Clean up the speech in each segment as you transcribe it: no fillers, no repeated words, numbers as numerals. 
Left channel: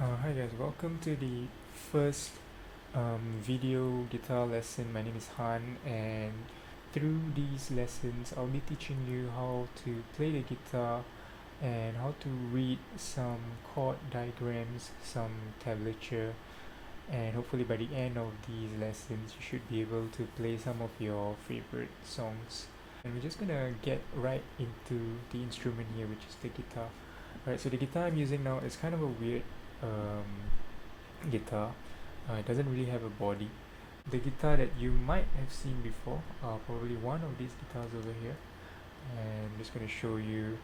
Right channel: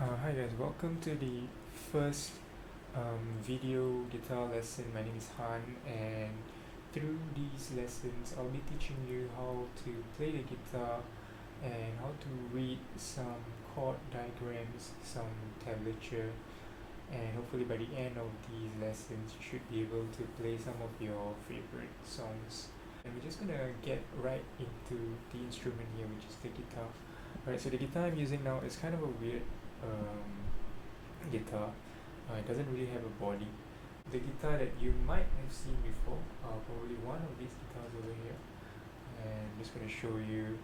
Hi guys, welcome to the first video guitar lesson. My name is Han, and through these lessons I'll be teaching you how to play the guitar and how to read some chord diagrams, some tablature, and hopefully by the end of these lessons you should be able to play some of your favorite songs. And we're just gonna get right into the instrument here, which is the guitar. Alright, so the guitar I'm using now is kind of a weird guitar. It doesn't really have a body. The guitar that you might have seen before, probably one of these guitars over here, and I'm just going to show you.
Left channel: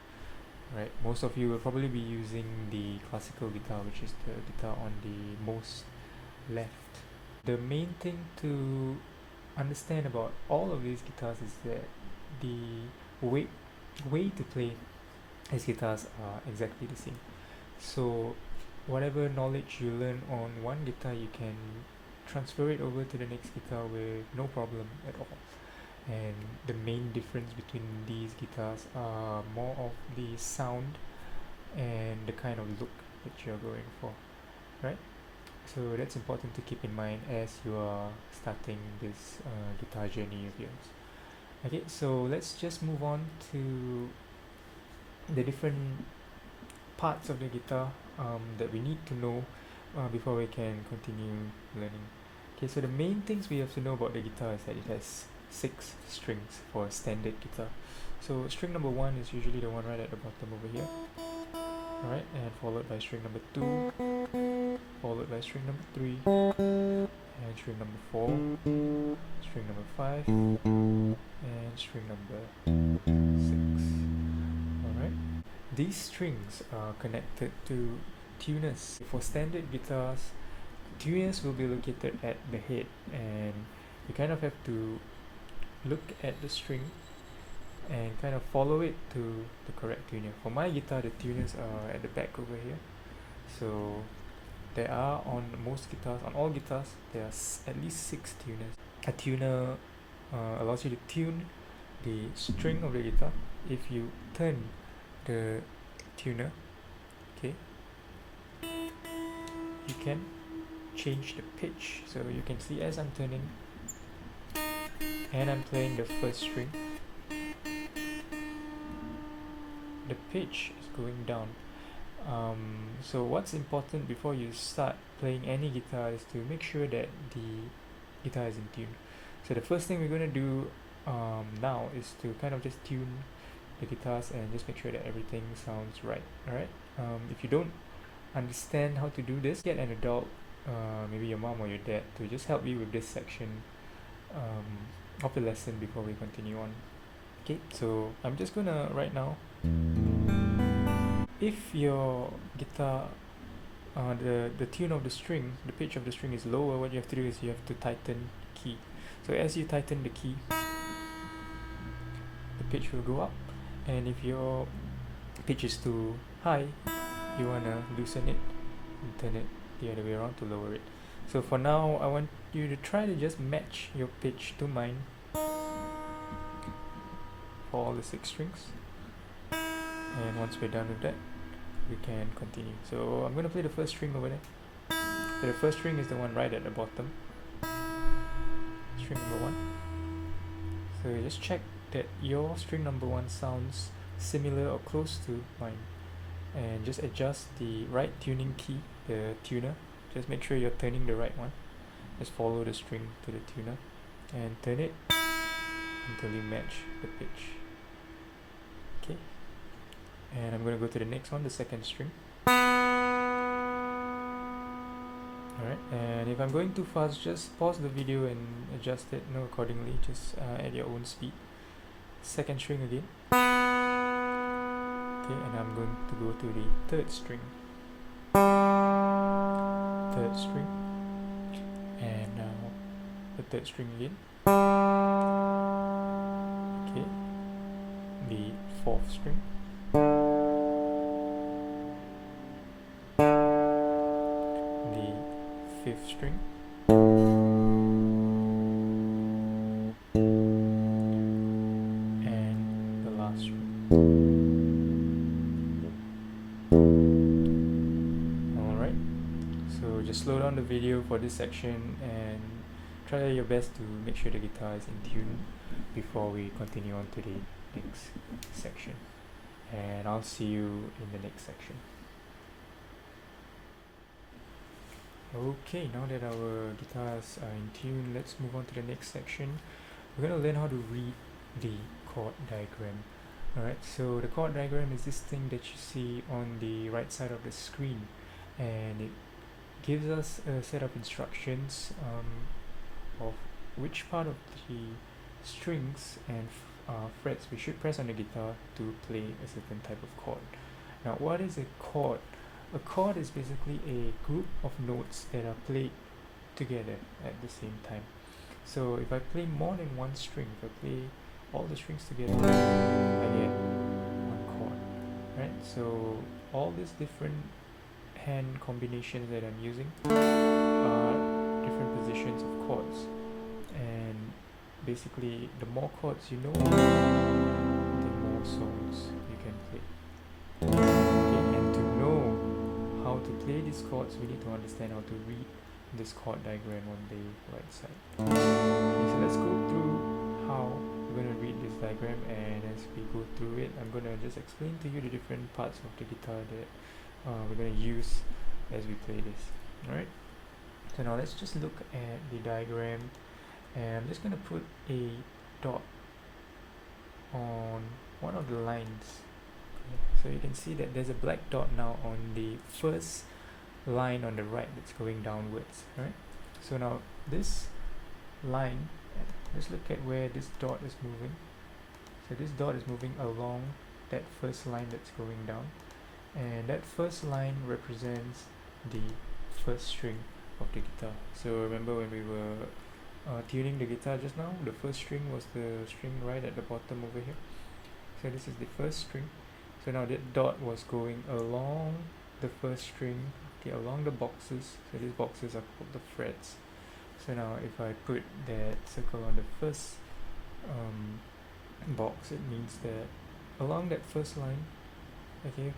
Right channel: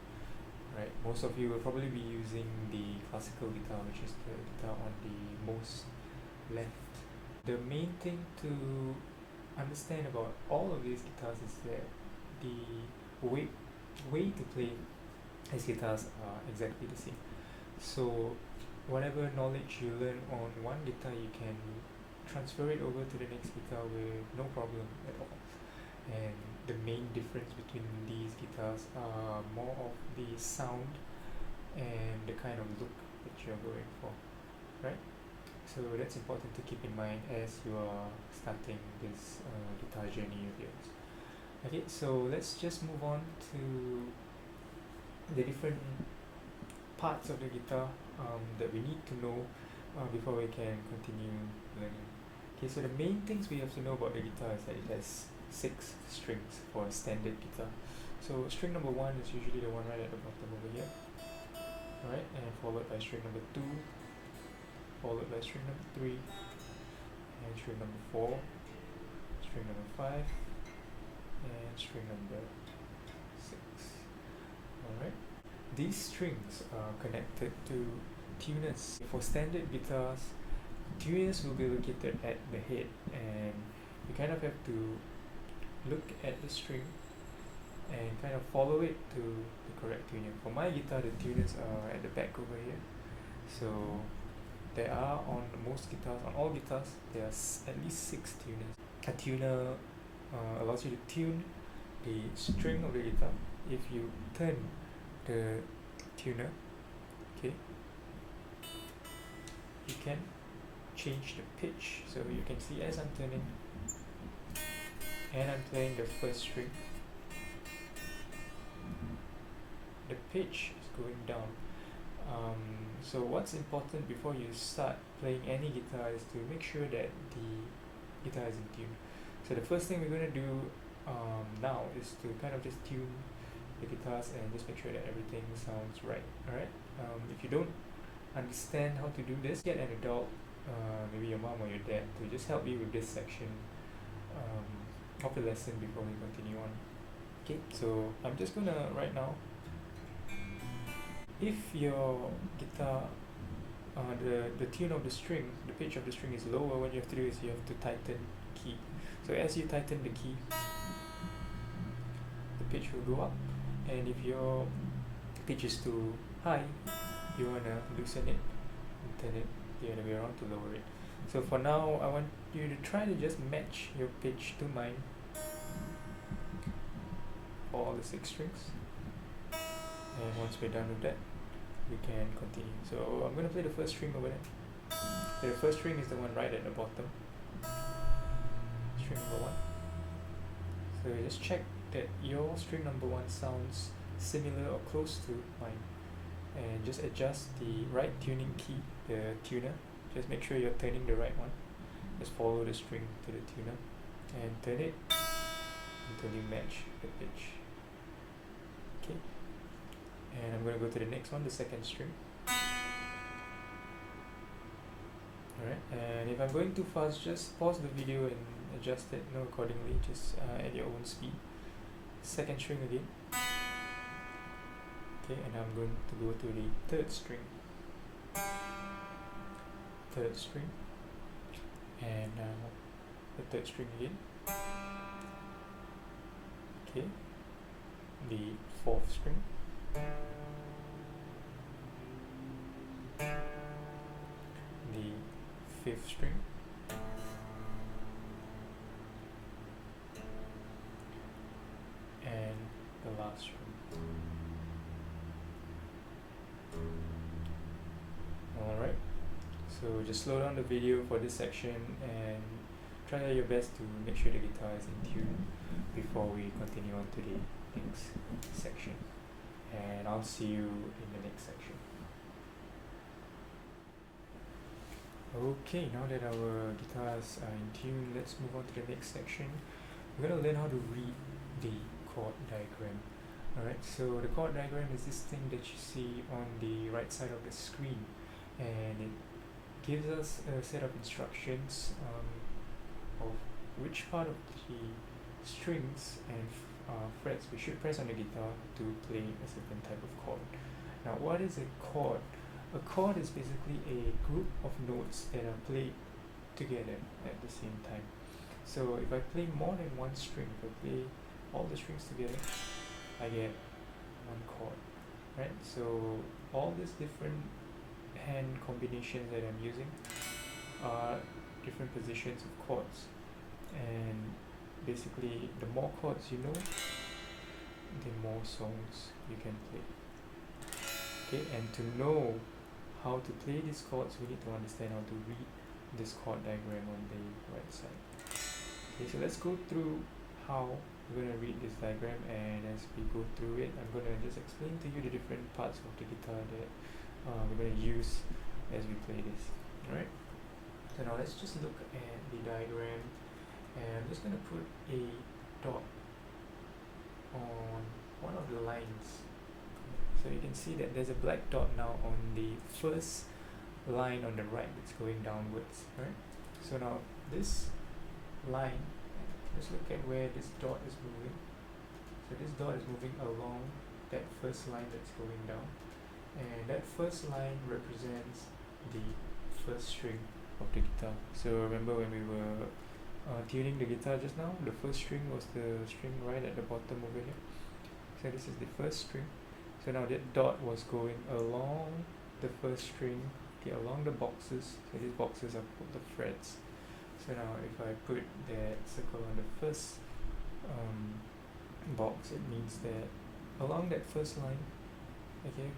Right, most of you will probably be using the classical guitar, which is the guitar on the most left. The main thing to understand about all of these guitars is that the way to play these guitars are exactly the same. So whatever knowledge you learn on one guitar, you can transfer it over to the next guitar with no problem at all. And the main difference between these guitars are more of the sound and the kind of look that you're going for, right? So that's important to keep in mind as you are starting this guitar journey of yours. Okay, so let's just move on to the different parts of the guitar that we need to know before we can continue learning. Okay, so the main things we have to know about the guitar is that it has 6 strings for a standard guitar. So string number 1 is usually the one right at the bottom over here. Alright, and followed by string number 2, followed by string number 3, and string number 4, string number 5, and string number 6. Alright. These strings are connected to tuners. For standard guitars, tuners will be located at the head, and you kind of have to look at the string and kind of follow it to the correct tuner. For my guitar, the tuners are at the back over here. So there are on most guitars, on all guitars, there are at least 6 tuners. A tuner allows you to tune the string of the guitar. If you turn the tuner, okay, you can change the pitch. So you can see as I'm turning and I'm playing the first string, the pitch is going down. So what's important before you start playing any guitar is to make sure that the guitar is in tune. So the first thing we're going to do now is to kind of just tune the guitars and just make sure that everything sounds right. Alright, if you don't understand how to do this, get an adult, maybe your mom or your dad, to just help you with this section of the lesson before we continue on. Okay, so I'm just gonna right now, if your guitar the tune of the string, the pitch of the string is lower, what you have to do is you have to tighten the key. So as you tighten the key, the pitch will go up, and if your pitch is too high, you want to loosen it and turn it the other way around to lower it. So for now, I want you to try to just match your pitch to mine for all the 6 strings, and once we're done with that, we can continue. So I'm going to play the first string over there. So the first string is the one right at the bottom, string number 1. So just check that your string number 1 sounds similar or close to mine, and just adjust the right tuning key, the tuner. Just make sure you're turning the right one. Just follow the string to the tuner and turn it until you match the pitch. Okay, and I'm going to go to the next one, the second string. Alright, and if I'm going too fast, just pause the video and adjust it accordingly, just at your own speed. Second string again. Okay, and I'm going to go to the third string. Third string, and now the third string again. Okay, the fourth string. The fifth string. And the last string. Alright, So just slow down the video for this section and try your best to make sure the guitar is in tune before we continue on to the next section. And I'll see you in the next section. Okay, now that our guitars are in tune, let's move on to the next section. We're going to learn how to read the chord diagram. Alright, so the chord diagram is this thing that you see on the right side of the screen, and it gives us a set of instructions of which part of the strings and frets we should press on the guitar to play a certain type of chord. Now, what is a chord? A chord is basically a group of notes that are played together at the same time. So if I play more than one string, if I play all the strings together, I get one chord, right? So all these different hand combinations that I'm using are different positions of chords, and basically the more chords you know, the more songs you can play. Okay, and to know how to play these chords, we need to understand how to read this chord diagram on the right side. Okay, so let's go through how we're going to read this diagram, and as we go through it, I'm going to just explain to you the different parts of the guitar that we're going to use as we play this. Alright, so now let's just look at the diagram, and I'm just going to put a dot on one of the lines. So you can see that there's a black dot now on the first line on the right that's going downwards. Right? So now this line, let's look at where this dot is moving. So this dot is moving along that first line that's going down, and that first line represents the first string of the guitar. So remember when we were tuning the guitar just now, the first string was the string right at the bottom over here. So this is the first string. So now that dot was going along the first string, okay, along the boxes. So these boxes are called the frets. So now if I put that circle on the first box, it means that along that first line, okay,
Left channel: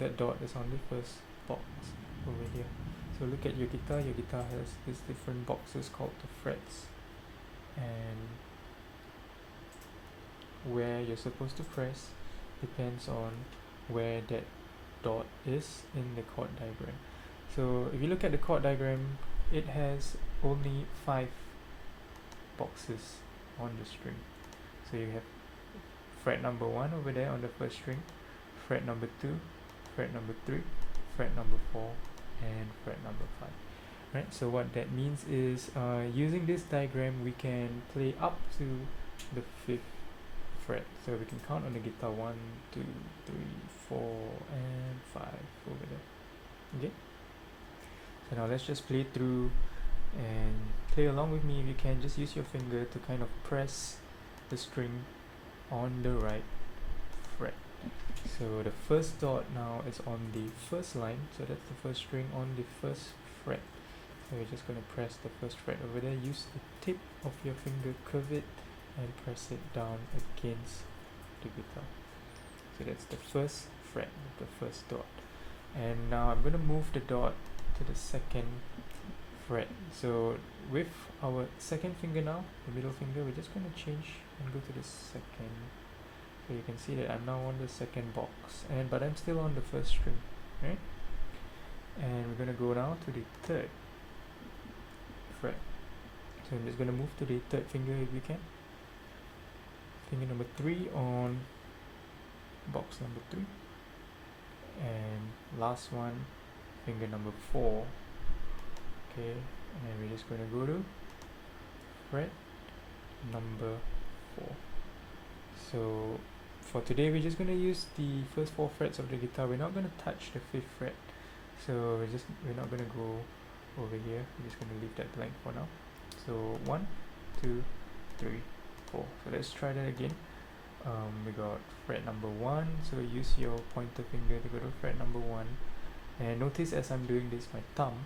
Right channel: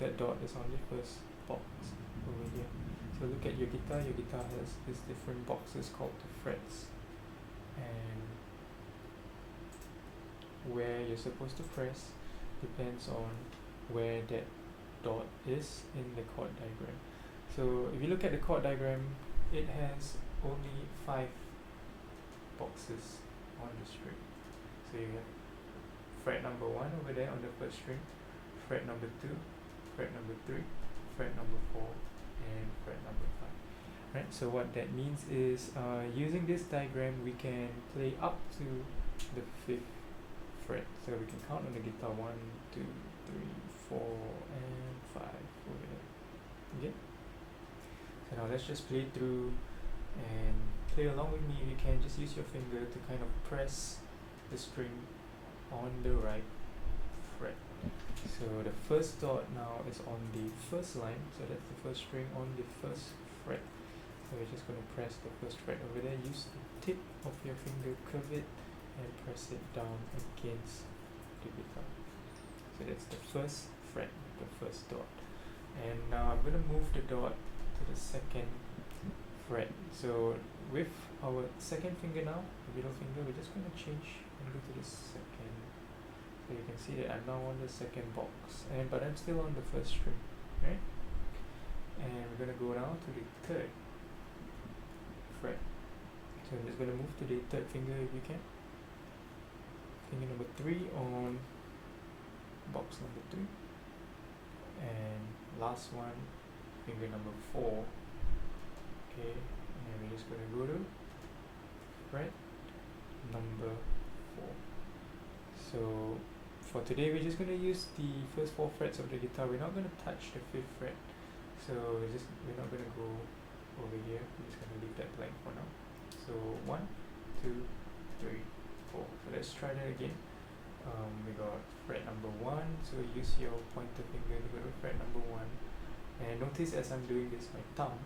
that dot is on the first box over here. So look at your guitar has these different boxes called the frets, and where you're supposed to press depends on where that dot is in the chord diagram. So if you look at the chord diagram, it has only 5 boxes on the string. So you have fret number 1 over there on the first string, fret number 2, fret number 3, fret number 4, and fret number 5. Right, so what that means is using this diagram we can play up to the 5th fret. So we can count on the guitar 1, 2, 3, 4, and 5 over there. Okay, so now let's just play through and play along with me. If you can, just use your finger to kind of press the string on the right fret. So the first dot now is on the first line, so that's the first string on the first fret. So we're just going to press the first fret over there. Use the tip of your finger, curve it, and press it down against the guitar. So that's the first fret, the first dot. And now I'm going to move the dot to the second fret. So with our second finger now, the middle finger, we're just going to change and go to the second. So you can see that I'm now on the second box, but I'm still on the first string, right? And we're going to go now to the third fret. So I'm just going to move to the third finger if we can. Finger number 3 on box number 3, and last one, finger number 4. Okay, and we're just going to go to fret number 4. So for today we're just going to use the first 4 frets of the guitar. We're not going to touch the 5th fret, so we're not going to go over here. We're just going to leave that blank for now. So 1, 2, 3, 4. So let's try that again. We got fret number 1, so use your pointer finger to go to fret number 1, and notice as I'm doing this, my thumb,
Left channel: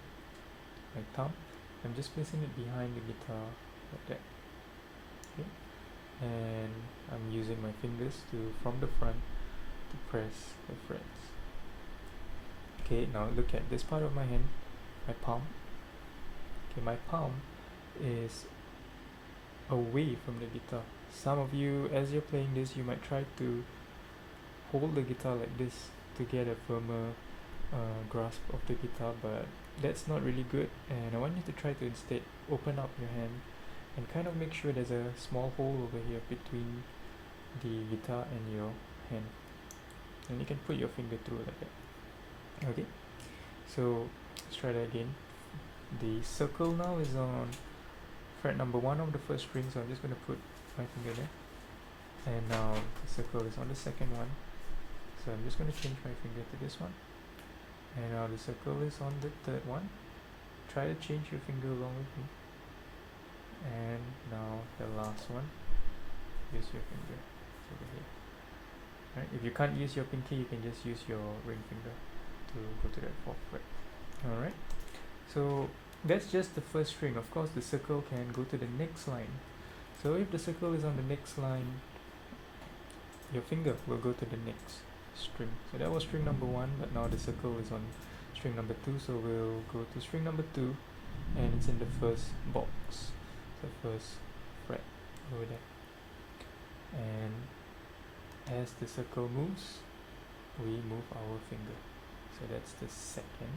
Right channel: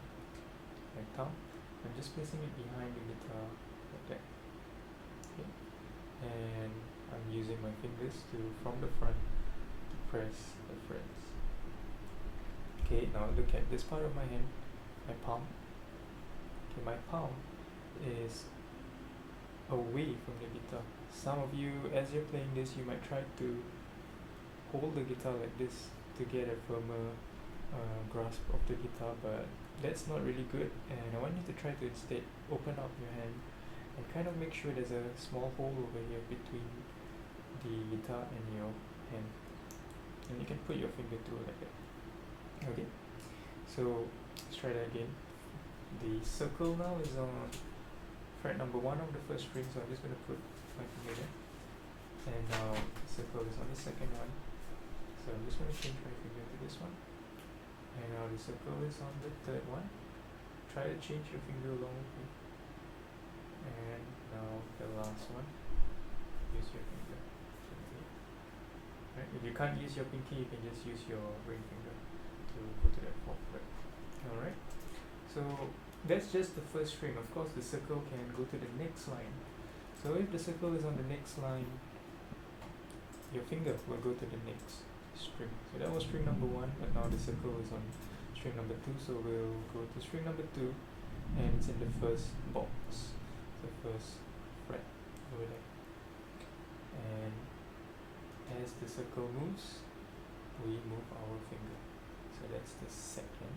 I'm just placing it behind the guitar like that. Okay, and I'm using my fingers from the front to press the frets. Okay, now look at this part of my hand. my palm. Okay, my palm is away from the guitar. Some of you, as you're playing this, you might try to hold the guitar like this to get a firmer grasp of the guitar, but that's not really good, and I want you to try to instead open up your hand and kind of make sure there's a small hole over here between the guitar and your hand, and you can put your finger through like that. Okay, so let's try that again. The circle now is on fret number 1 of the first string, so I'm just going to put my finger there, and now the circle is on the second one, so I'm just going to change my finger to this one, and now the circle is on the third one. Try to change your finger along with me, and now the last one, use your finger over here. Right? If you can't use your pinky, you can just use your ring finger to go to that 4th fret. Alright, so that's just the first string. Of course, the circle can go to the next line. So if the circle is on the next line, your finger will go to the next string. So that was string number 1, but now the circle is on string number 2, so we'll go to string number 2, and it's in the first box, the first fret over there. And as the circle moves, we move our finger. So that's the 2nd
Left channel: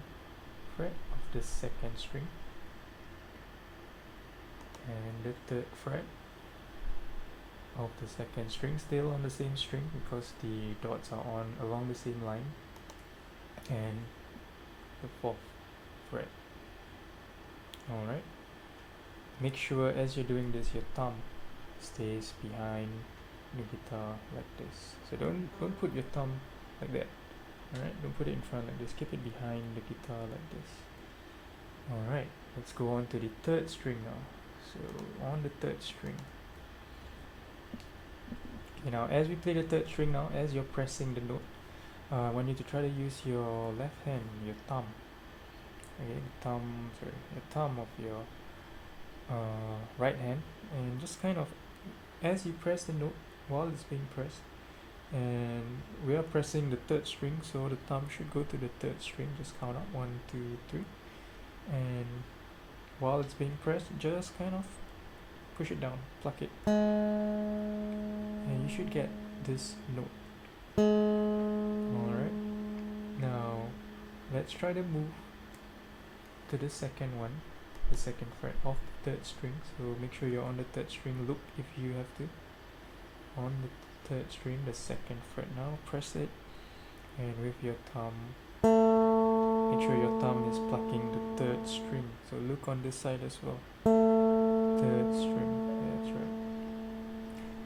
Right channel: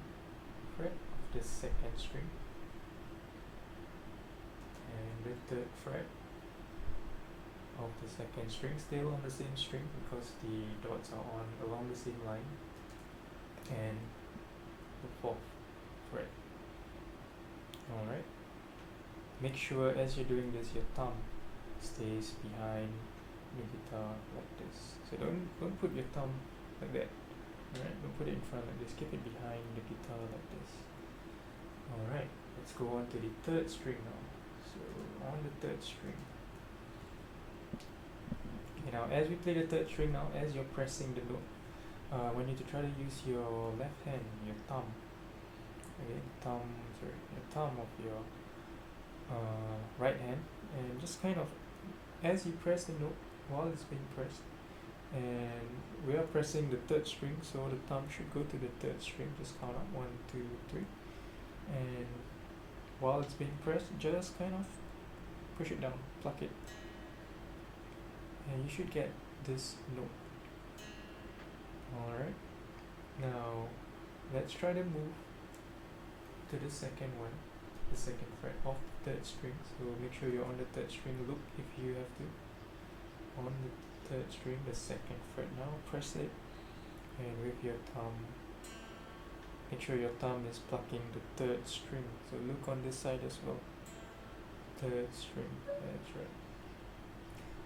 fret of the 2nd string, and the 3rd fret of the 2nd string, still on the same string because the dots are on along the same line, and the 4th fret. Alright, make sure as you're doing this your thumb stays behind the guitar like this. So don't put your thumb like that. Alright, don't put it in front like this, keep it behind the guitar like this. Alright, let's go on to the 3rd string now. So on the 3rd string, okay, now as we play the 3rd string now, as you're pressing the note, I want you to try to use your left hand, your thumb, okay, your thumb of your right hand, and just kind of, as you press the note while it's being pressed, and we are pressing the 3rd string, so the thumb should go to the 3rd string. Just count up 1, 2, 3, and while it's being pressed, just kind of push it down, pluck it, and you should get this note. Alright, now let's try to move to the 2nd one, the 2nd fret of the 3rd string. So make sure you're on the 3rd string, look if you have to, on the 3rd string, the 2nd fret. Now press it, and with your thumb, make sure your thumb is plucking the 3rd string. So look on this side as well, 3rd string, that's right.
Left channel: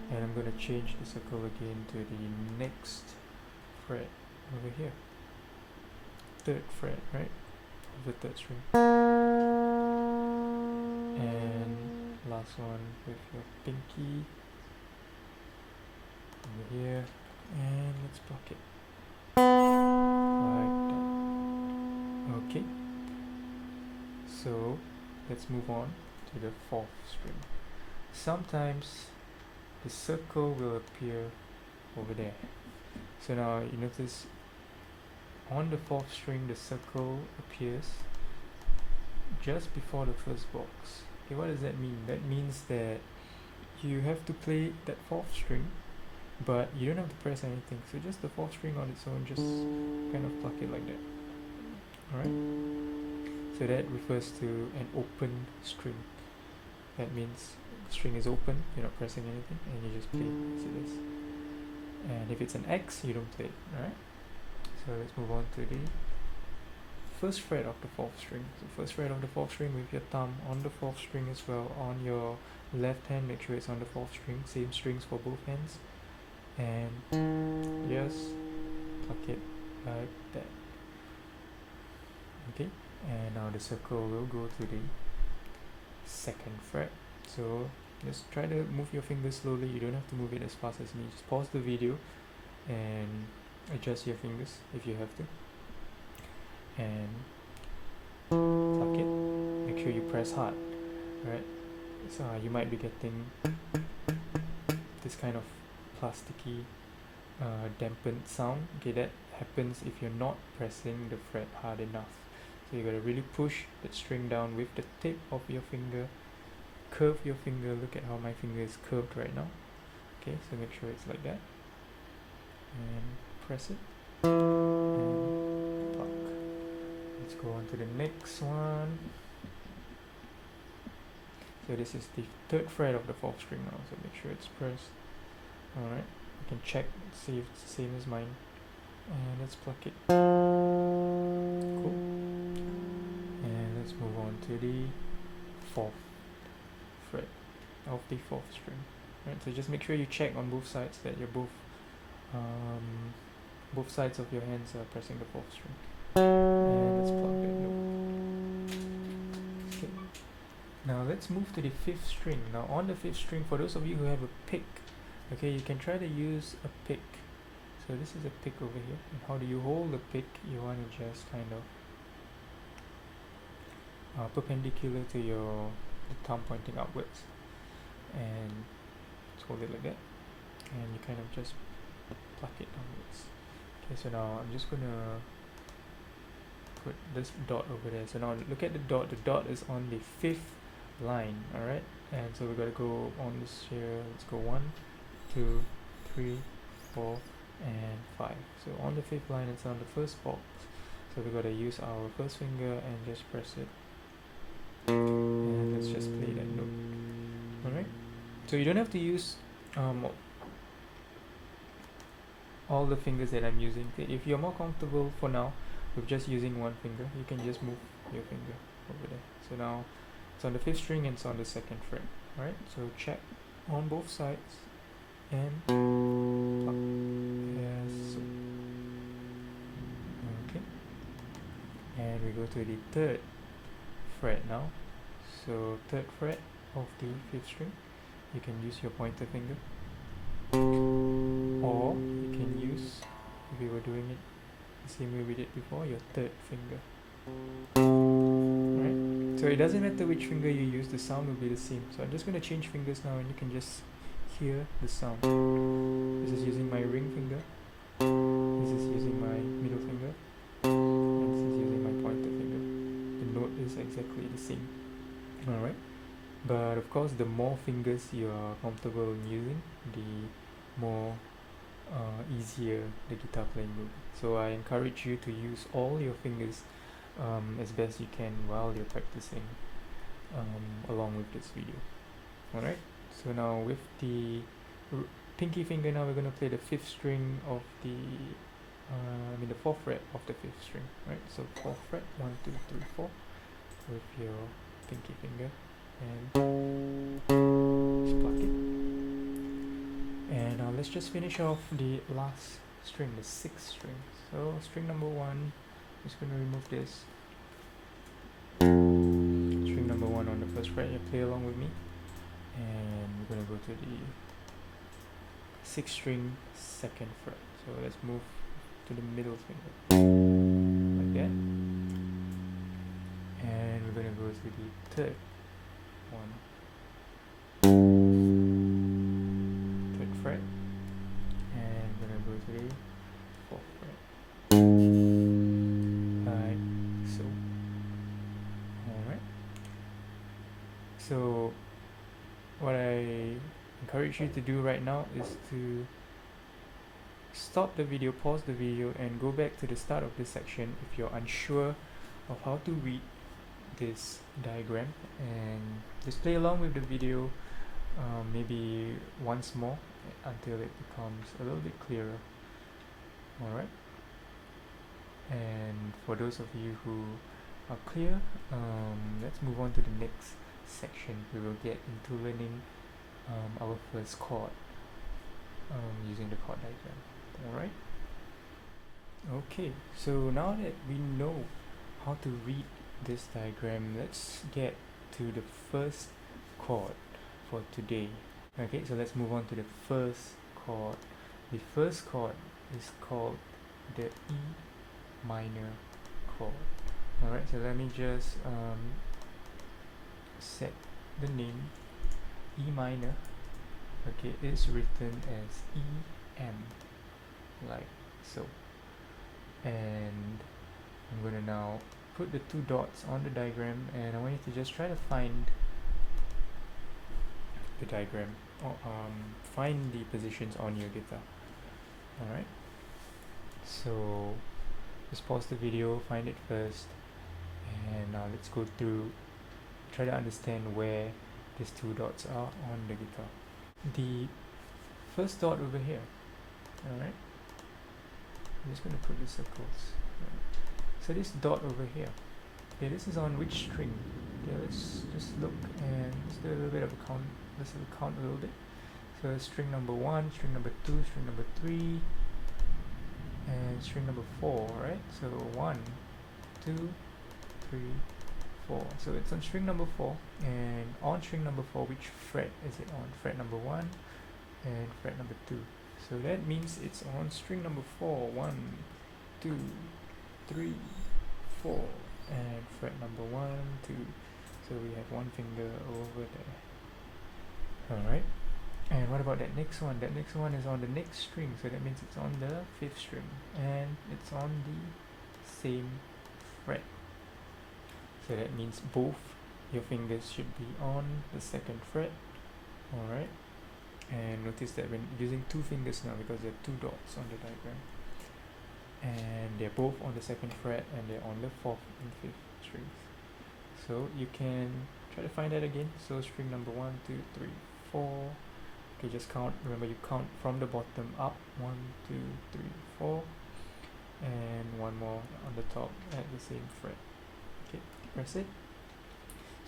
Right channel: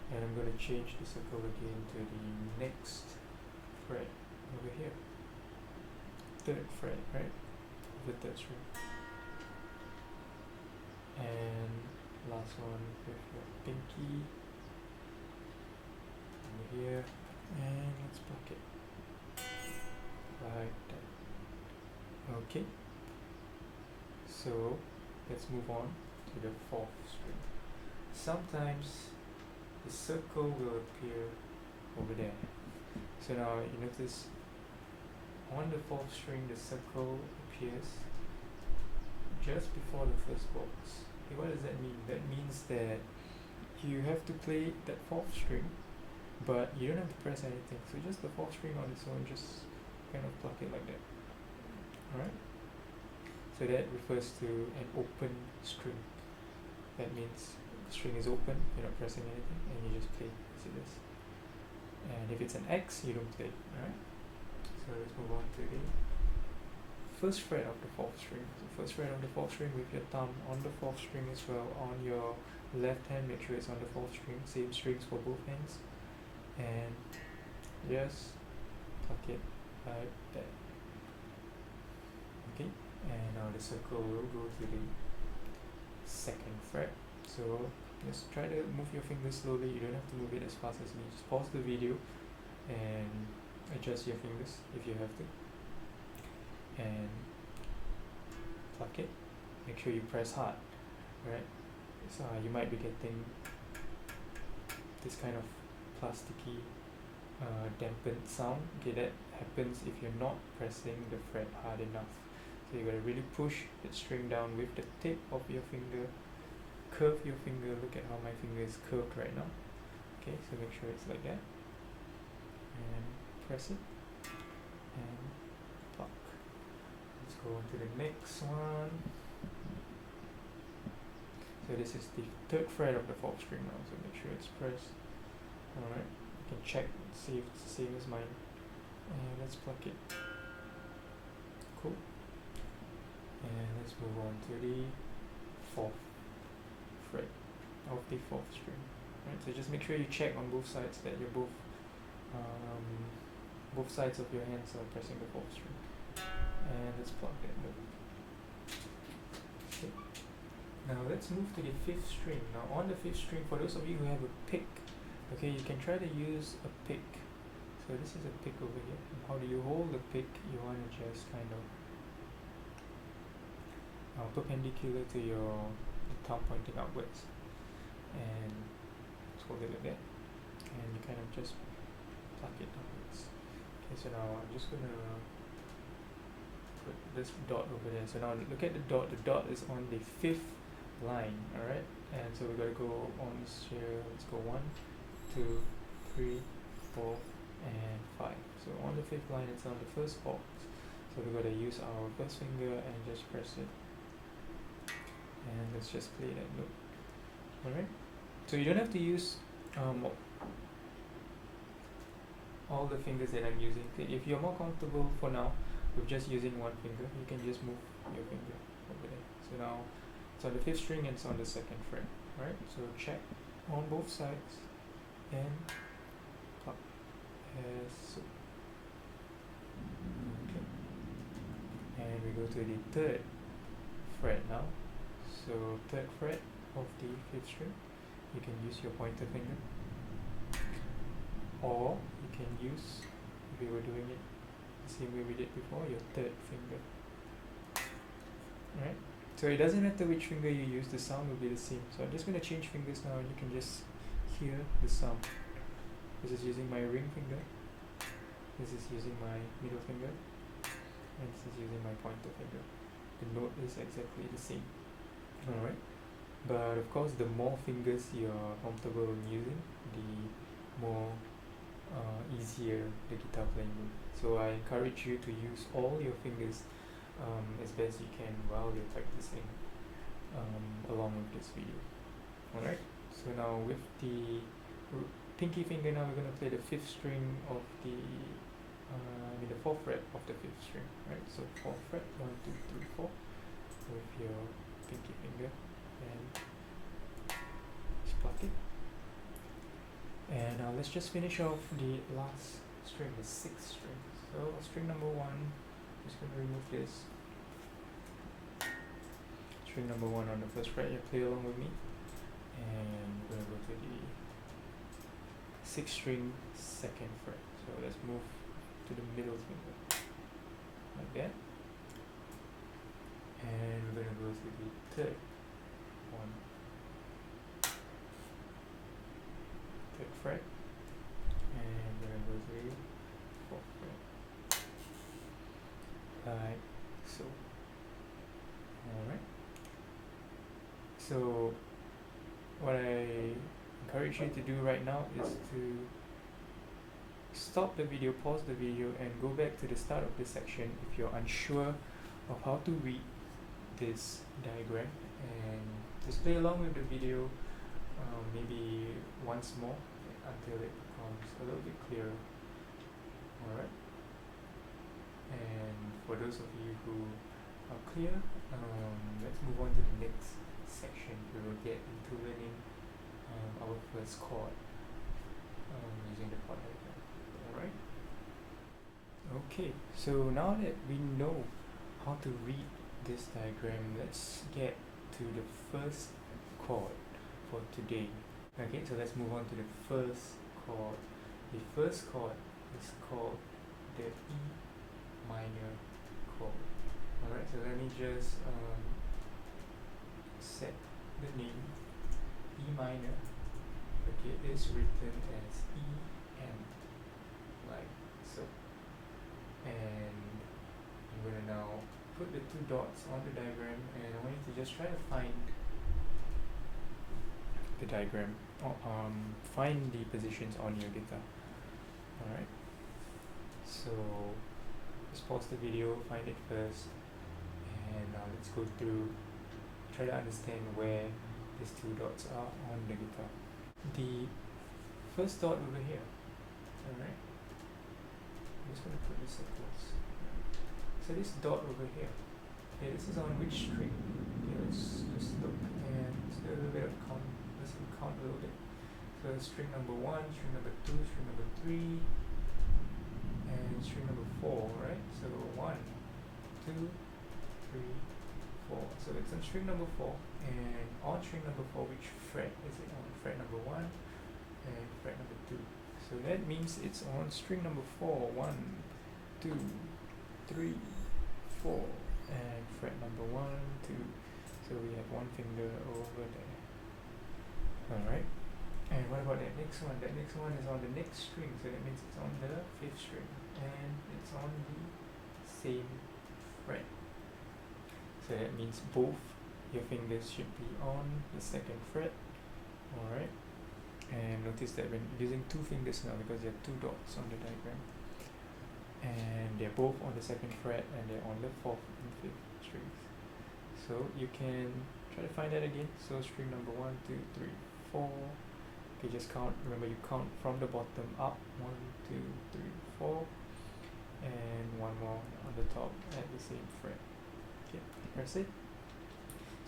And I'm going to change the circle again to the next fret over here, 3rd fret, right, of the 3rd string. And last one with your pinky over here, and let's block it like that. Okay, so let's move on to the 4th string. Sometimes the circle will appear over there. So now you notice on the 4th string the circle appears just before the first box. Okay, what does that mean? That means that you have to play that 4th string, but you don't have to press anything. So just the 4th string on its own, just kind of pluck it like that. Alright? So that refers to an open string. That means the string is open, you're not pressing anything, and you just play. See this? And if it's an X, you don't play it. Alright? So let's move on to the 1st fret of the 4th string. So 1st fret of the 4th string with your thumb on the 4th string as well. On your left hand, make sure it's on the 4th string. Same strings for both hands. And just pluck it like that. Okay, and now the circle will go to the 2nd fret. So just try to move your fingers slowly. You don't have to move it as fast as me. Just pause the video and adjust your fingers if you have to, and pluck it. Make sure you press hard, right? So you might be getting this kind of plasticky dampened sound. Okay, that happens if you're not pressing the fret hard enough. So you gotta really push that string down with the tip of your finger, curve your finger. Look at how my finger is curved right now. Okay, so make sure it's like that, and press it, and pluck. Let's go on to the next one. So this is the 3rd fret of the 4th string now, so make sure it's pressed. Alright, you can check, see if it's the same as mine. And let's pluck it. Cool. And let's move on to the 4th fret of the 4th string. Right, so just make sure you check on both sides that you're both sides of your hands are pressing the 4th string. And let's pluck that note. Okay. Now let's move to the 5th string. Now on the 5th string, for those of you who have a pick, okay, you can try to use a pick. So this is a pick over here. And how do you hold the pick? You want to just kind of perpendicular to your thumb pointing upwards, and just hold it like that, and you kind of just pluck it downwards. Okay, so now I'm just gonna put this dot over there. So now look at the dot. The dot is on the 5th line. Alright, and so we gotta go on this here. Let's go 1, 2, 3, 4, and 5. So on the 5th line, it's on the first box. So we gotta use our first finger and just press it. And let's just play that note. Alright, so you don't have to use all the fingers that I'm using. If you're more comfortable for now with just using one finger, you can just move your finger over there. So now it's on the 5th string and it's on the 2nd fret. Right, so check on both sides and pluck as so. Okay, and we go to the 3rd fret now. So 3rd fret of the 5th string, you can use your pointer finger, or you can use, if we were doing it the same way we did before, your 3rd finger. Right, so it doesn't matter which finger you use, the sound will be the same. So I'm just going to change fingers now, and you can just hear the sound. This is using my ring finger, this is using my middle finger, and this is using my pointer finger. The note is exactly the same. Alright, but of course the more fingers you're comfortable in using, the more easier the guitar playing will be. So I encourage you to use all your fingers as best you can while you're practicing along with this video. Alright, so now with the pinky finger, now we're going to play the 5th string of the the 4th fret of the 5th string. Right, so 4th fret, 1, 2, 3, 4 with your pinky finger, and just pluck it. And now let's just finish off the last string, the 6th string. So string number 1, just going to remove this. String number 1 on the 1st fret, you play along with me, and we're going to go to the 6th string, 2nd fret. So let's move to the middle finger like that, and we're going to go to the 3rd one, 3rd fret, and we're going to go to the 4th fret like so. Alright, so what I encourage you to do right now is to stop the video, pause the video, and go back to the start of this section if you're unsure of how to read this diagram, and just play along with the video maybe once more until it becomes a little bit clearer. Alright, and for those of you who are clear, let's move on to the next section. We will get into learning our first chord using the chord diagram. Alright, okay, so now that we know how to read this diagram, let's get to the first chord for today. Okay, so let's move on to the first chord. The first chord is called the E minor chord. Alright, so let me just set the name. E minor, okay, is written as E-M, like so. And I'm going to now put the two dots on the diagram, and I want you to just try to find the diagram, or find the positions on your guitar. Alright, so just pause the video, find it first, and let's go through, try to understand where these two dots are on the guitar. The first dot over here, alright, I'm just going to put the circles. So this dot over here, okay, this is on which string? Okay, let's just look and let's do a little bit of a count. Let's count a little bit. So string number 1, string number 2, string number 3, and string number 4, right? So 1, 2, 3, 4. So it's on string number 4, and on string number 4, which fret is it on? Fret number 1 and fret number 2. So that means it's on string number 4, 1, 2, 3, 4, and fret number 1, 2. So we have one finger over there. Alright, and what about that next one? That next one is on the next string, so that means it's on the 5th string, and it's on the same fret. So that means both your fingers should be on the 2nd fret. Alright, and notice that when using two fingers now, because there are two dots on the diagram, and they're both on the 2nd fret, and they're on the 4th and 5th strings. So you can try to find that again. So string number 1, 2, 3, 4. Okay, just count. Remember, you count from the bottom up. 1, 2, 3, 4, and one more on the top at the same fret. Okay, press it.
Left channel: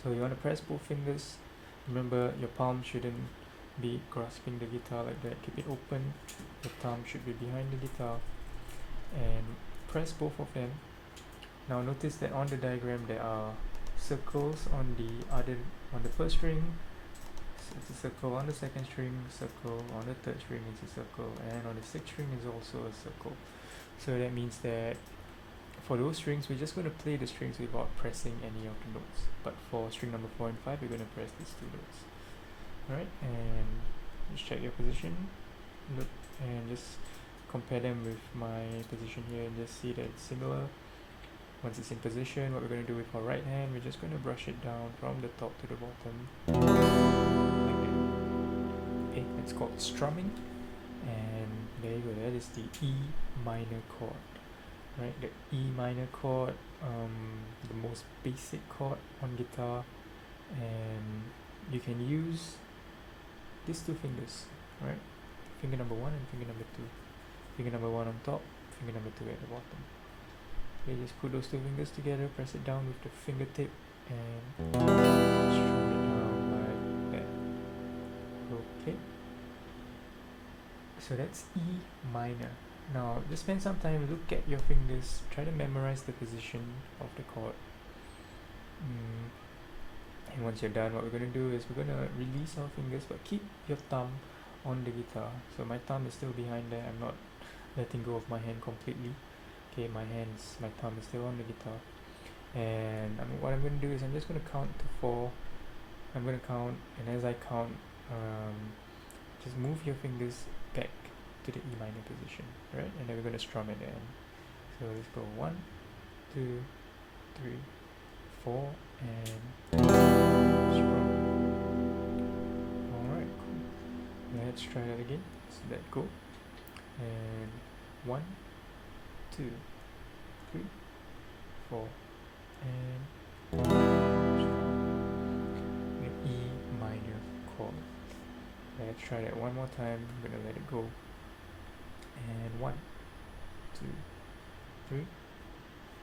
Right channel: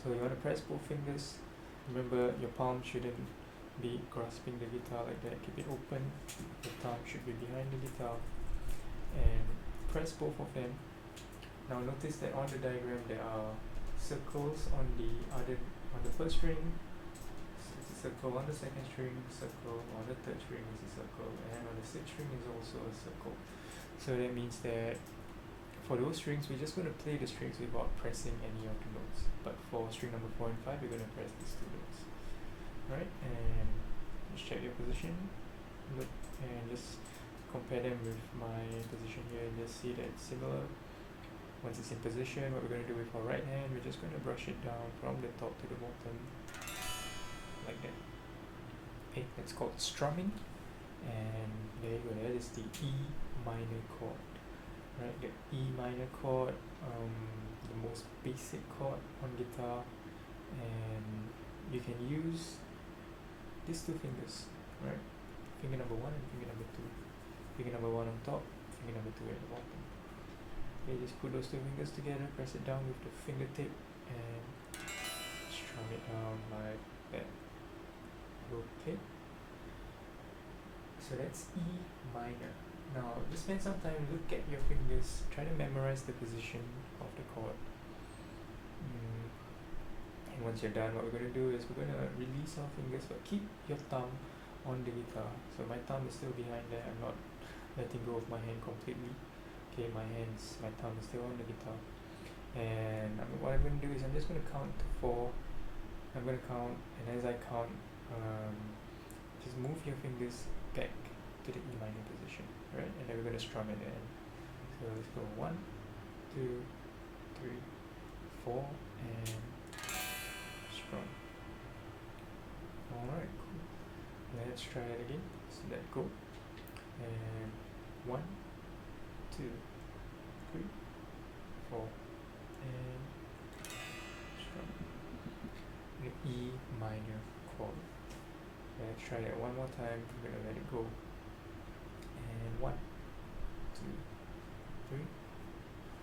So you want to press both fingers. Remember, your palm shouldn't be grasping the guitar like that. Keep it open. The thumb should be behind the guitar, and press both of them. Now notice that on the diagram there are circles on the first string. It's a circle on the 2nd string, circle on the 3rd string is a circle, and on the 6th string is also a circle. So that means that for those strings, we're just going to play the strings without pressing any of the notes. But for string number 4 and 5, we're going to press these two notes. Alright, and just check your position, look, and just compare them with my position here, and just see that it's similar. Once it's in position, what we're going to do with our right hand, we're just going to brush it down from the top to the bottom, like that. Okay, it's called strumming, and there you go, that is the E minor chord. Right, the E minor chord, the most basic chord on guitar, and you can use these two fingers, right? Finger number 1 and finger number 2. Finger number 1 on top, finger number 2 at the bottom. Okay, just put those two fingers together, press it down with the fingertip, and strum it down like that. Okay, so that's E minor. Now just spend some time, look at your fingers, try to memorize the position of the chord. And once you're done, what we're going to do is we're going to release our fingers, but keep your thumb on the guitar. So my thumb is still behind there, I'm not letting go of my hand completely. Okay, my thumb is still on the guitar. And what I'm going to do is I'm just going to count to 4. I'm going to count, and as I count, just move your fingers back to the E minor position, right? And then we're going to strum at the end. So let's go 1, 2, 3, 4, and strum. Alright, cool. Let's try that again. So let go. And 1, 2, 3, 4, and strum. The E minor chord. Let's try that one more time. I'm going to let it go. And 1, 2, 3,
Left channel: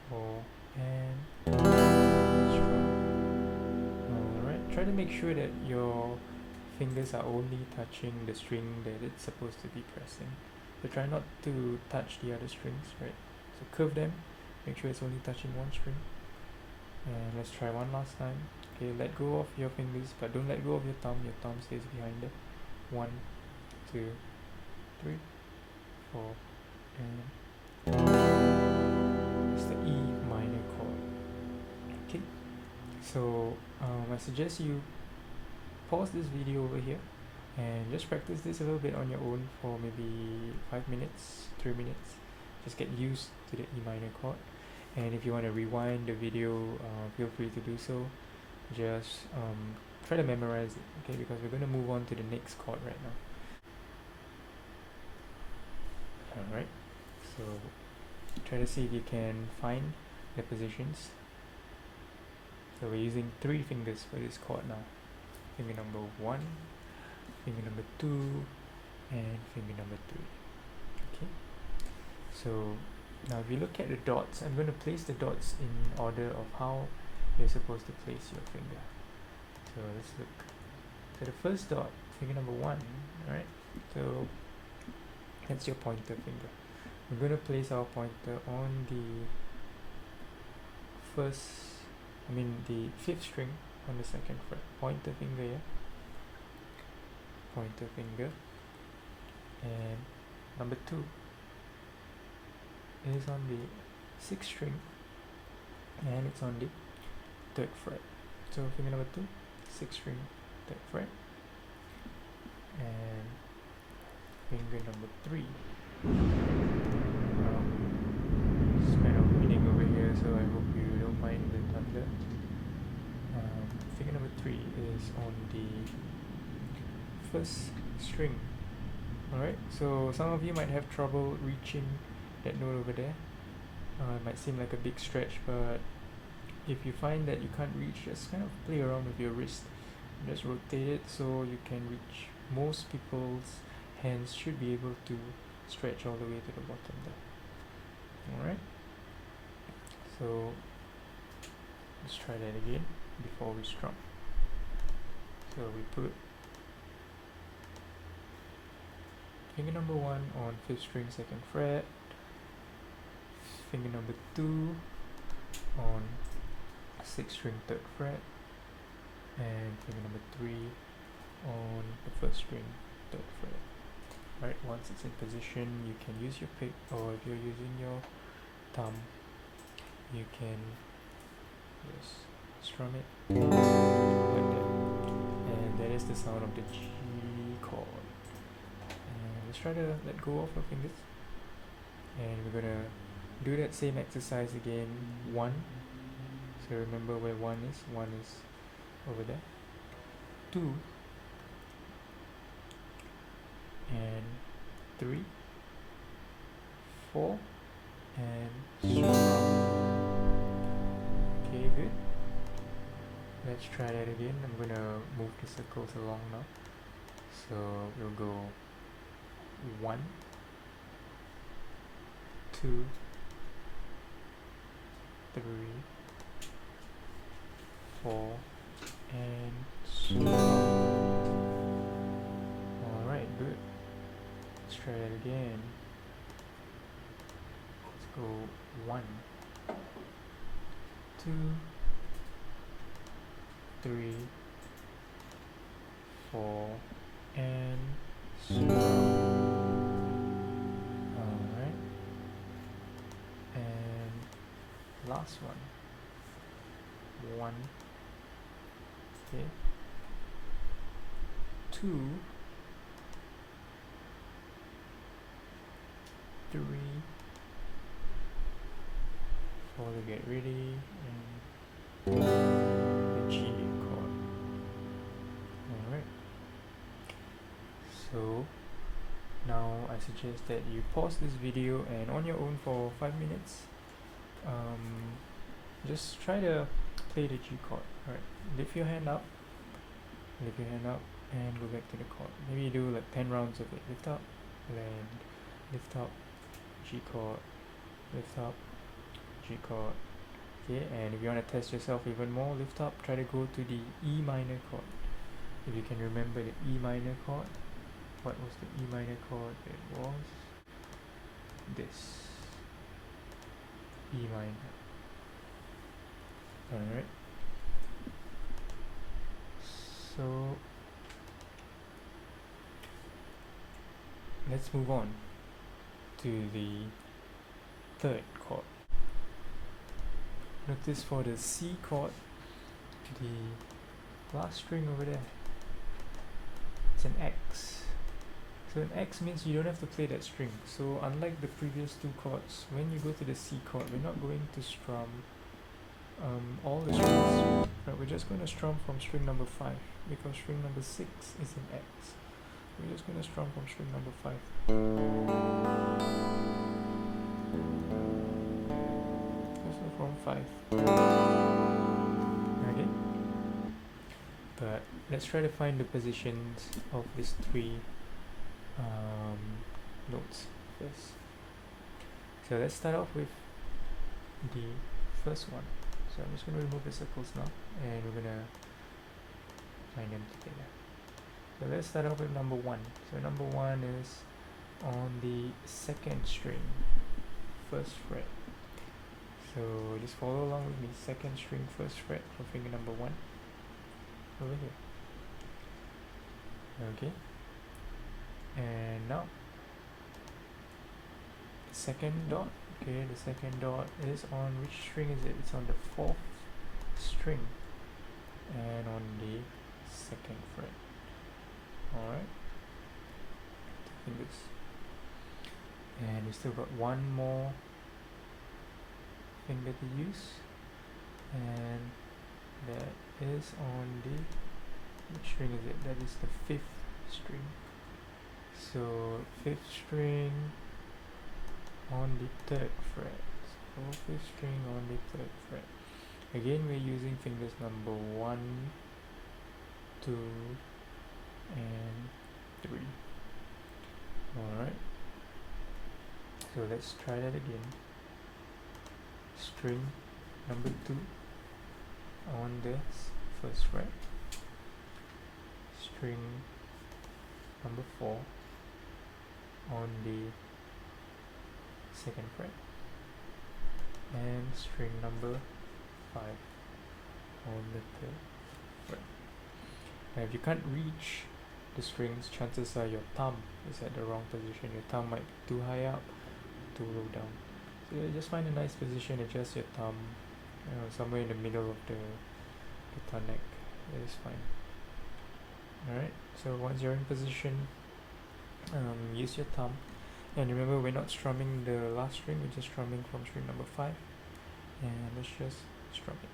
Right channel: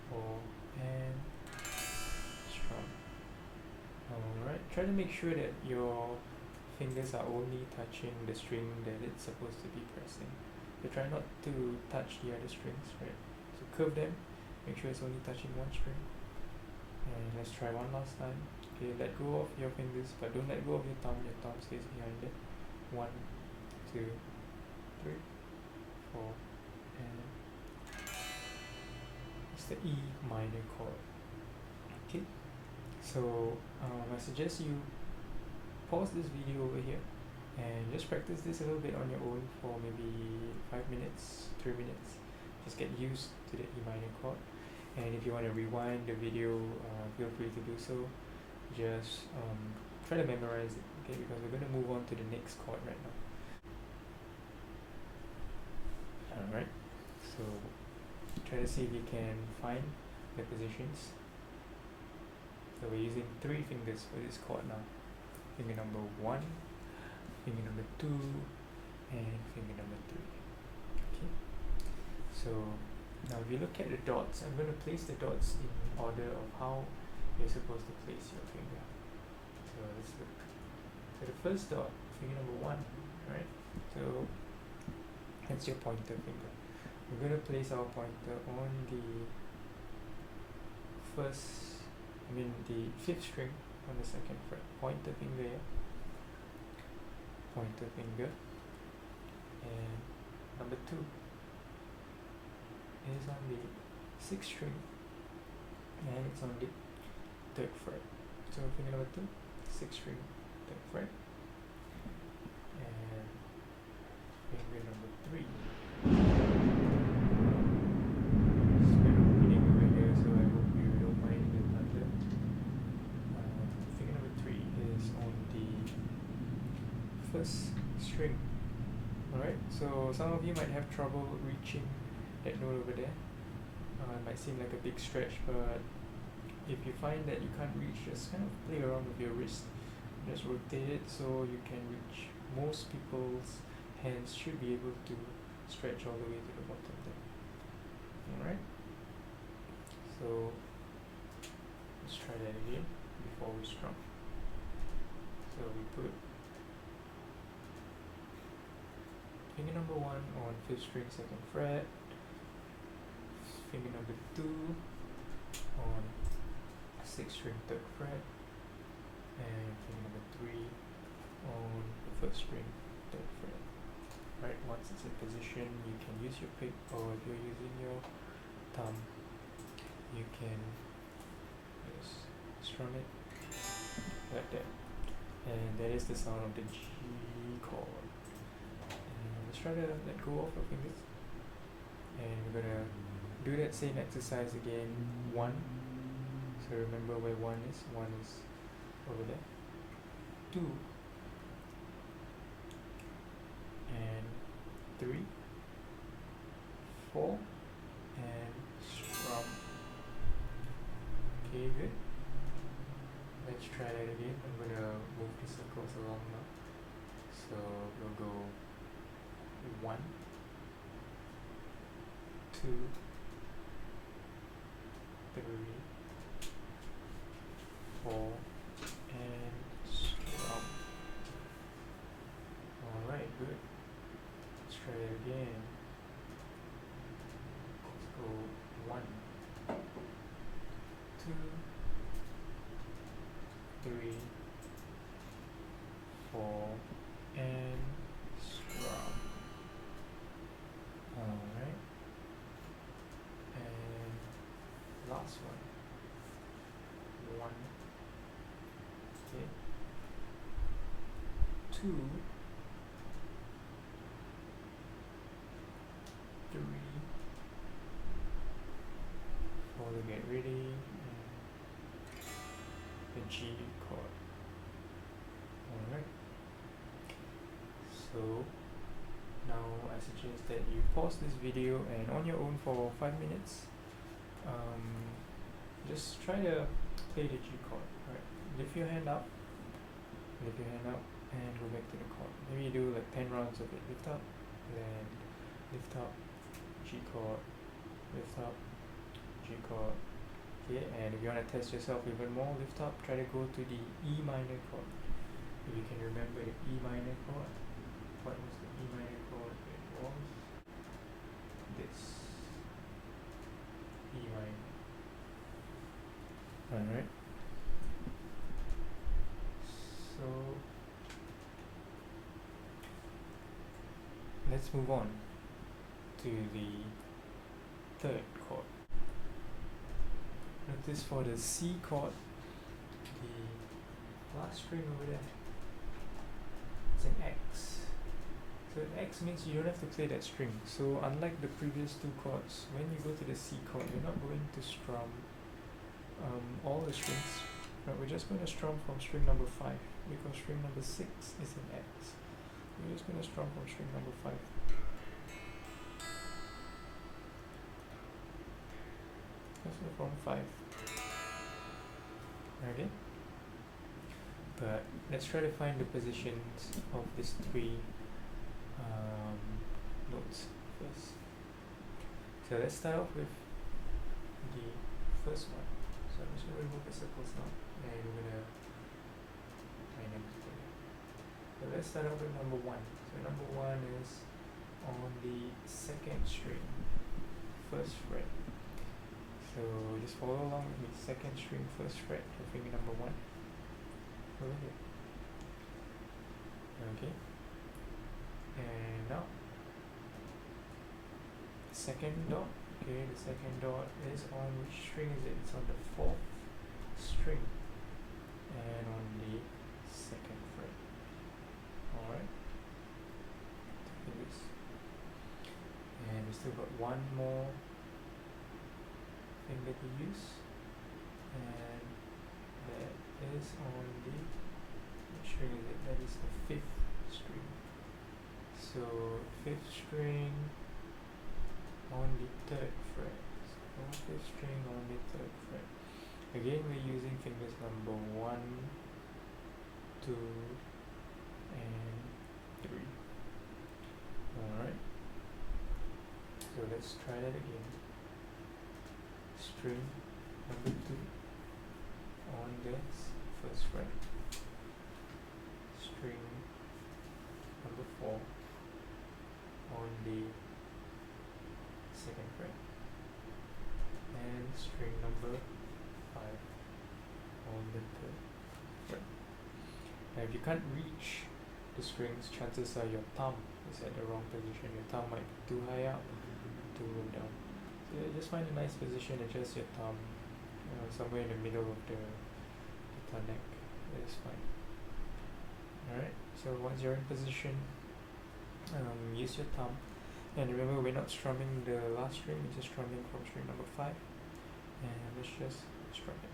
4, and strum. Alright, try to make sure that your fingers are only touching the string that it's supposed to be pressing. So try not to touch the other strings, right? So curve them, make sure it's only touching one string. And let's try one last time. Okay, let go of your fingers, but don't let go of your thumb stays behind it. 1, 2, 3, 4, and it's the E minor chord. Okay, so I suggest you pause this video over here and just practice this a little bit on your own for maybe 5 minutes, 3 minutes. Just get used to the E minor chord, And if you want to rewind the video, feel free to do so. Just try to memorize it, okay, because we're going to move on to the next chord right now. Alright, so try to see if you can find the positions. So we're using 3 fingers for this chord now. Finger number 1, finger number 2, and finger number 3. Okay, so now if you look at the dots, I'm going to place the dots in order of how you're supposed to place your finger. So let's look. So the first dot, finger number 1, right? So that's your pointer finger. We're going to place our pointer on the the 5th string on the 2nd fret. Pointer finger here. Pointer finger. And number 2 is on the 6th string, and it's on the 3rd fret. So finger number 2, 6th string, 3rd fret, and finger number 3. It's kind of reading over here, so I hope you don't mind the thunder. Finger number 3 is on the 1st string. Alright, so some of you might have trouble reaching that note over there. It might seem like a big stretch, but if you find that you can't reach, just kind of play around with your wrist. Just rotate it so you can reach. Most people's hands should be able to stretch all the way to the bottom there. Alright, so let's try that again before we strum. So we put finger number 1 on 5th string, 2nd fret, finger number 2 on 6th string, 3rd fret, and finger number 3 on the 1st string, 3rd fret. Right, once it's in position, you can use your pick, or if you're using your thumb, you can just strum it like that. And that is the sound of the G chord. And let's try to let go of our fingers. And we're gonna do that same exercise again. 1. So remember where 1 is. 1 is over there. 2. And 3, 4, and strum. Okay, good. Let's try that again. I'm gonna move the circles along now. So we'll go 1, 2, 3, 4, and strum. Alright, good. Let's try it again. Let's go 1, 2, 3, 4, and strum. Alright. And last one. 1, okay. 2, 3, 4 to get ready, and the G chord. Alright. So now I suggest that you pause this video and on your own for 5 minutes, just try to play the G chord. Alright, lift your hand up, and go back to the chord. Maybe you do like 10 rounds of it. Lift up, land, lift up, G chord, lift up, G chord. Okay, and if you want to test yourself even more, lift up, try to go to the E minor chord. If you can remember the E minor chord, what was the E minor chord? It was this, E minor. Alright, so let's move on to the 3rd chord. Notice for the C chord, the last string over there, it's an X. So an X means you don't have to play that string. So unlike the previous two chords, when you go to the C chord, we're not going to strum all the strings. Right, we're just going to strum from string number 5 because string number 6 is in X. We're just going to strum from string number 5. So from 5. Okay. But let's try to find the positions of these three notes first. So let's start off with the first one. So I'm just going to remove the circles now, and we're going to find them together. So let's start off with number 1. So number 1 is on the 2nd string, 1st fret. So just follow along with me. 2nd string, 1st fret for finger number 1. Over here. Okay. And now, second dot. Okay, the second dot is on which string is it? It's on the 4th string and on the 2nd fret. Alright. Fingers. And we still got one more finger to use, and that is on the, which string is it? That is the 5th string. So 5th string on the 3rd fret. So 5th string on the 3rd fret. Again, we're using fingers number 1, 2, and 3. Alright. So let's try that again. String number 2 on the 1st fret. String number 4 on the 2nd fret, and string number 5 on the 3rd fret. Now if you can't reach the strings, chances are your thumb is at the wrong position. Your thumb might be too high up, too low down. So just find a nice position, adjust your thumb, somewhere in the middle of the guitar neck. That is fine. Alright, so once you're in position, use your thumb. And remember, we're not strumming the last string, we're just strumming from string number 5. And let's just strum it.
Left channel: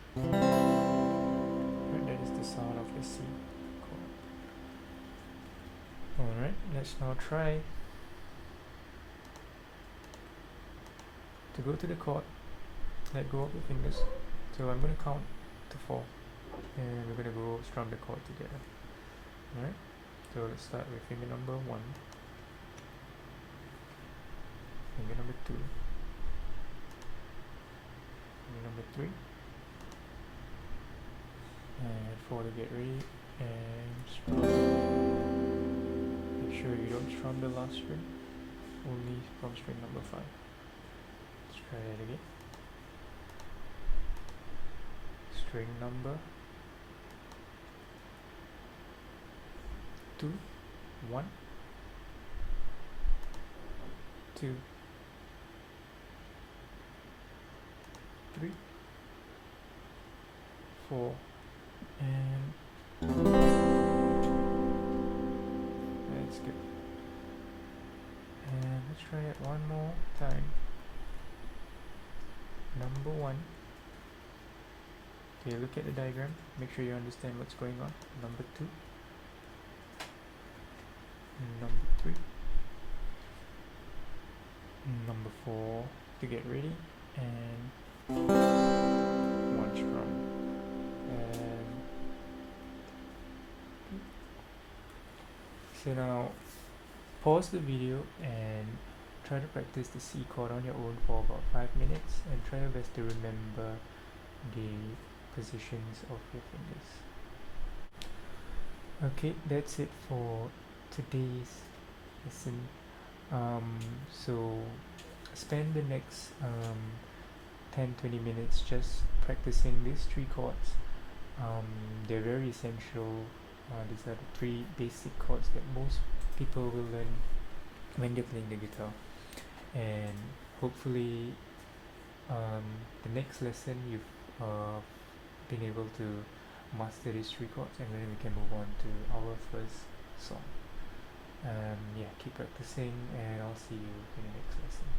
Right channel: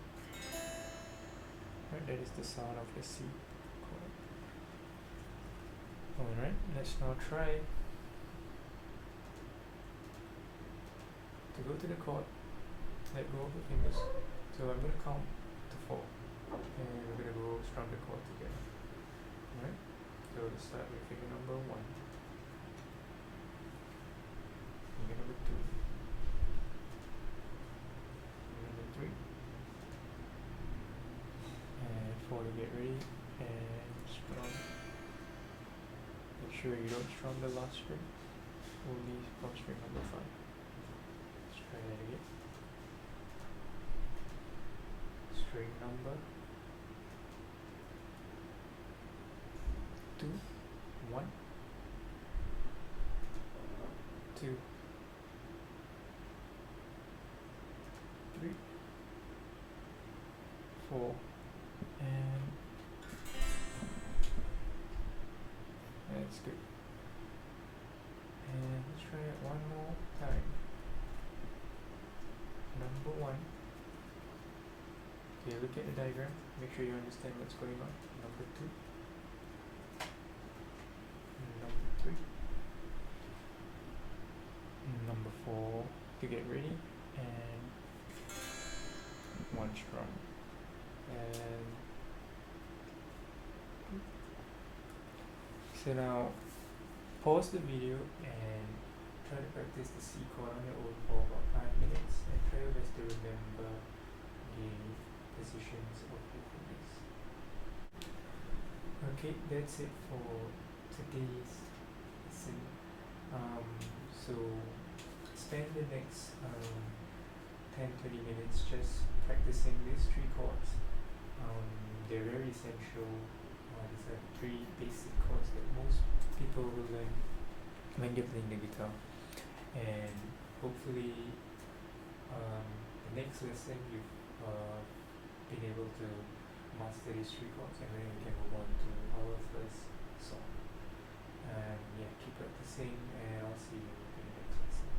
Right, that is the sound of the C chord. Alright, let's now try to go to the chord, let go of the fingers. So I'm going to count to 4, and we're going to go strum the chord together. Alright, so let's start with finger number 1, finger number 2, finger number 3, and 4 to get ready, and strum. Make sure you don't strum the last string, only from string number 5. Let's try that again. String number 2, 1, 2, 3, 4, and that's good. And let's try it one more time. Number 1. Okay, look at the diagram. Make sure you understand what's going on. Number 2. Number 3. Number 4 to get ready, and 1 strum. And so now pause the video and try to practice the C chord on your own for about 5 minutes, and try your best to remember the positions of your fingers. Okay, that's it for today's lesson. So spend the next 10-20 minutes just practicing these 3 chords. They're very essential. These are the 3 basic chords that most people will learn when they're playing the guitar, and hopefully the next lesson you've been able to master these 3 chords, and then we can move on to our first song. Yeah, keep practicing, and I'll see you in the next lesson.